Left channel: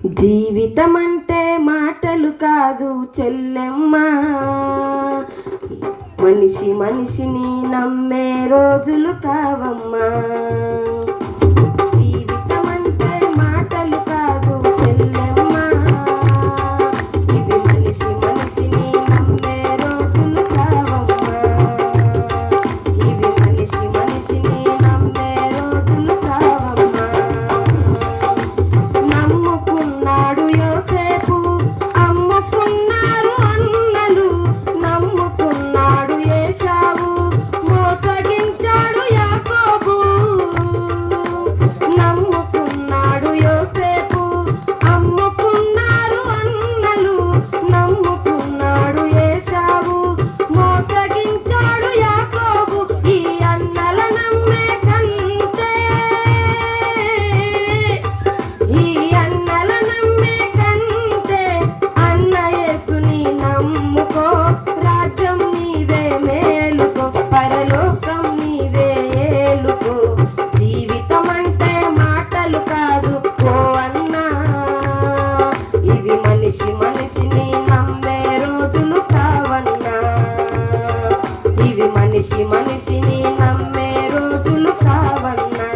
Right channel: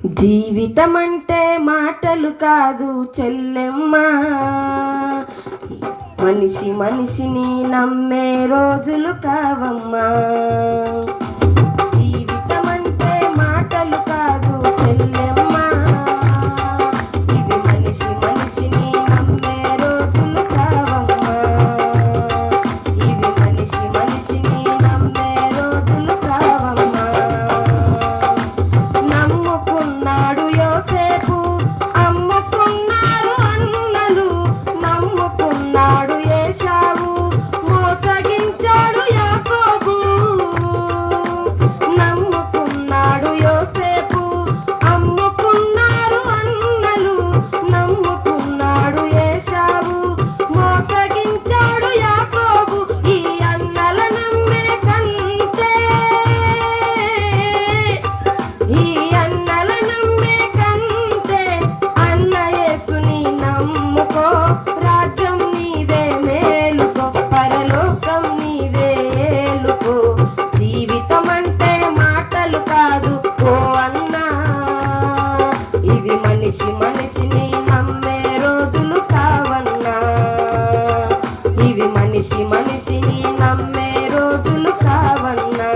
జీవితం అంటే మాటలు కాదు చెల్లెమ్మా, మనిషి మనిషిని నమ్మే రోజులు కావమ్మా. జీవితం అంటే మాటలు కాదు చెల్లెమ్మా, ఇది మనిషి మనిషిని నమ్మే రోజులు కావమ్మా. ఇవి మనిషి మనిషిని నమ్మే రోజులు కావమ్మా. నమ్ముకున్నాడు యోసేపు, అమ్ముకున్నారు అన్నలు. నమ్ముకున్నాడు ఏశావు, మోసగించాడు యాకోబు. నమ్ముకున్నాడు యోసేపు, అమ్ముకున్నారు అన్నలు. నమ్ముకున్నాడు ఏశావు, మోసగించాడు యాకోబు. ఈ అన్నల నమ్మే కంటే, ఈ అన్నల నమ్మే కంటే అన్న యేసుని నమ్ముకో. రాజ్యం నీదే మేలుకో, పరలోకం నీదే ఏలుకో. జీవితం అంటే మాటలు కాదు ఓ అన్నా, ఇవి మనిషి మనిషిని నమ్మే రోజులు కావన్నా. ఇవి మనిషి మనిషిని నమ్మే రోజులు కావన్నా.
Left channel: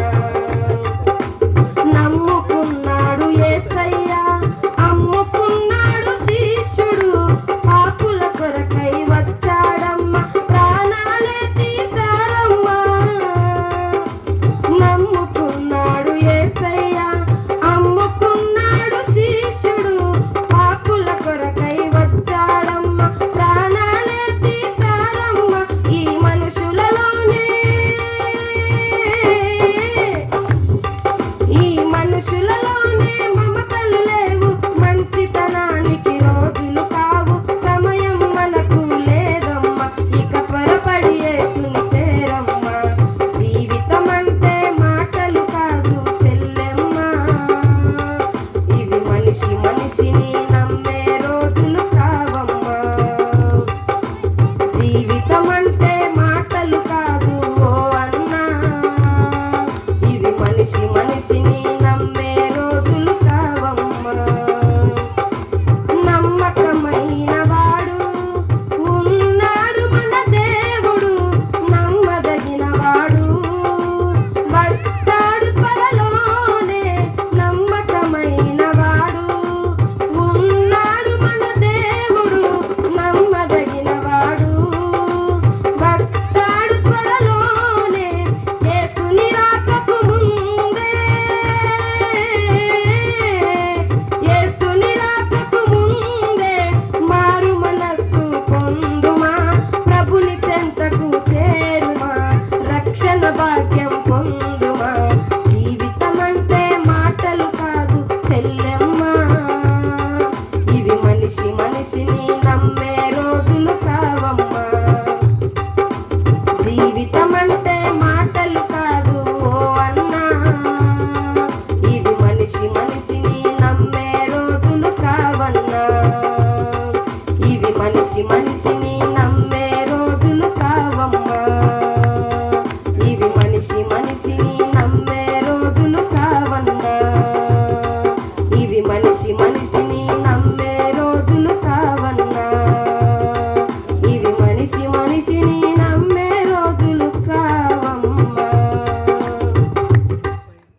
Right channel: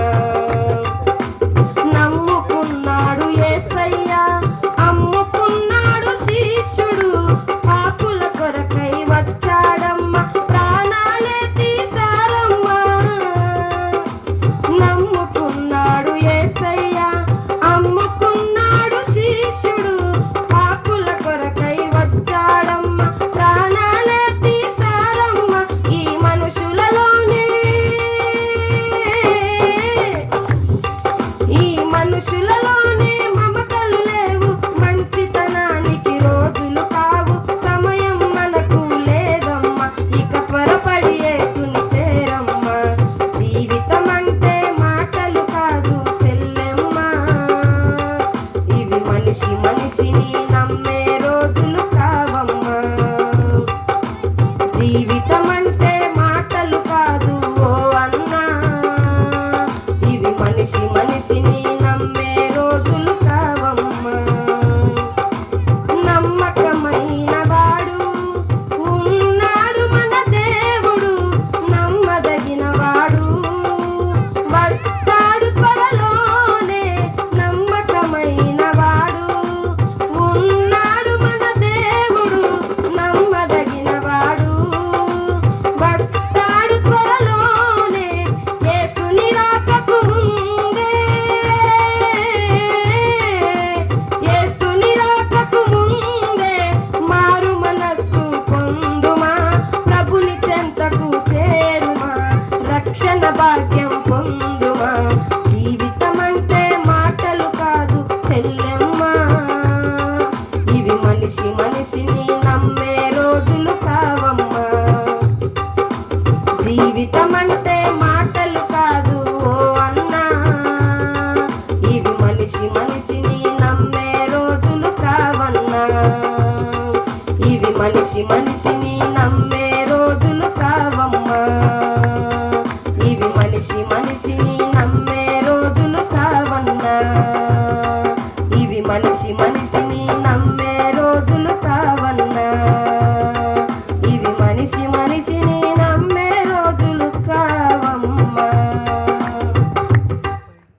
నమ్ముకున్నాడు యేసయ్య, అమ్ముకున్నాడు శిష్యుడు. పాపుల కొరకై వచ్చాడమ్మ, ప్రాణాలే తీశారమ్మ. నమ్ముకున్నాడు యేసయ్య, అమ్ముకున్నాడు శిష్యుడు. పాపుల కొరకై వచ్చాడమ్మ, ప్రాణాలే తీశారమ్మ. ఈ మనుషులలోనే, ఈ మనుషులలోనే మమతలు లేవు. మంచితనానికి రోజులు కావు, సమయం మనకు లేదమ్మా. ఇక త్వరపడి యేసుని చేరమ్మా. జీవితం అంటే మాటలు కాదు చెల్లెమ్మా, ఇవి మనిషి మనిషిని నమ్మే రోజులు కావమ్మా. జీవితం అంటే మాటలు కాదు ఓ అన్నా, ఇవి మనిషి మనిషిని నమ్మే రోజులు కావమ్మా. నమ్మకమైన వాడు ఉన్నాడు మన దేవుడు, నమ్మదగిన వాడు వస్తాడు త్వరలోనే. నమ్మకమైన వాడు ఉన్నాడు మన దేవుడు, నమ్మదగిన వాడు వస్తాడు త్వరలోనే. యేసుని రాకకు ముందే, యేసుని రాకకు ముందే మారు మనస్సు పొందుమా. ప్రభుని చెంతకు చేరుమా, రక్షణ భాగ్యం పొందుమా. జీవితం అంటే మాటలు కాదు చెల్లెమ్మా, ఇవి మనిషి మనిషిని